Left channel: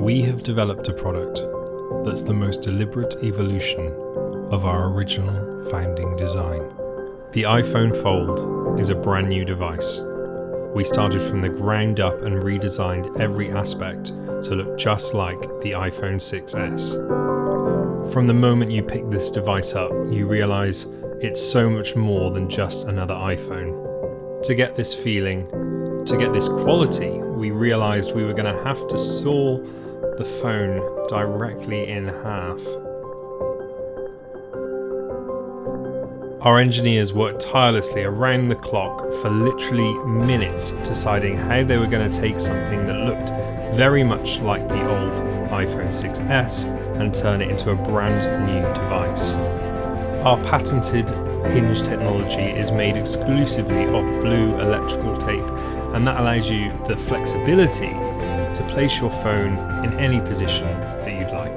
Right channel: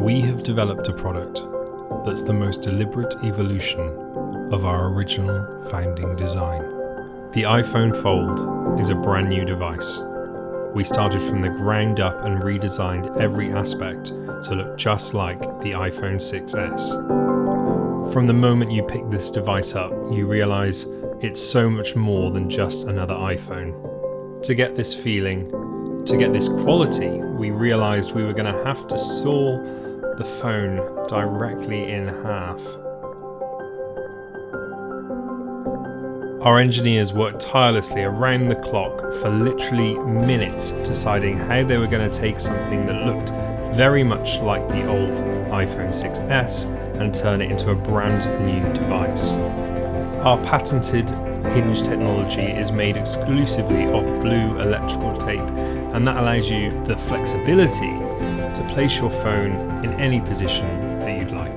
we have developed a product that's the most deliberate evolution of our original founding design. The iPhone Fold is a brand new device. We started from the ground up and redesigned every aspect to look just like the iPhone 6S. From the moment you pick this device up, you realize it's so much more than just another iPhone. To get this feeling, to get this quality, we realized we were going to have to saw the phone directly in half. Our engineers worked tirelessly around the clock for literally minutes, deciding how they were going to take something that looked very much like the old iPhone 6S and turn it into a brand new device. Our patented hinge technology is made exclusively of blue electrical tape, and that allows you the flexibility to place your phone in any position that you'd like.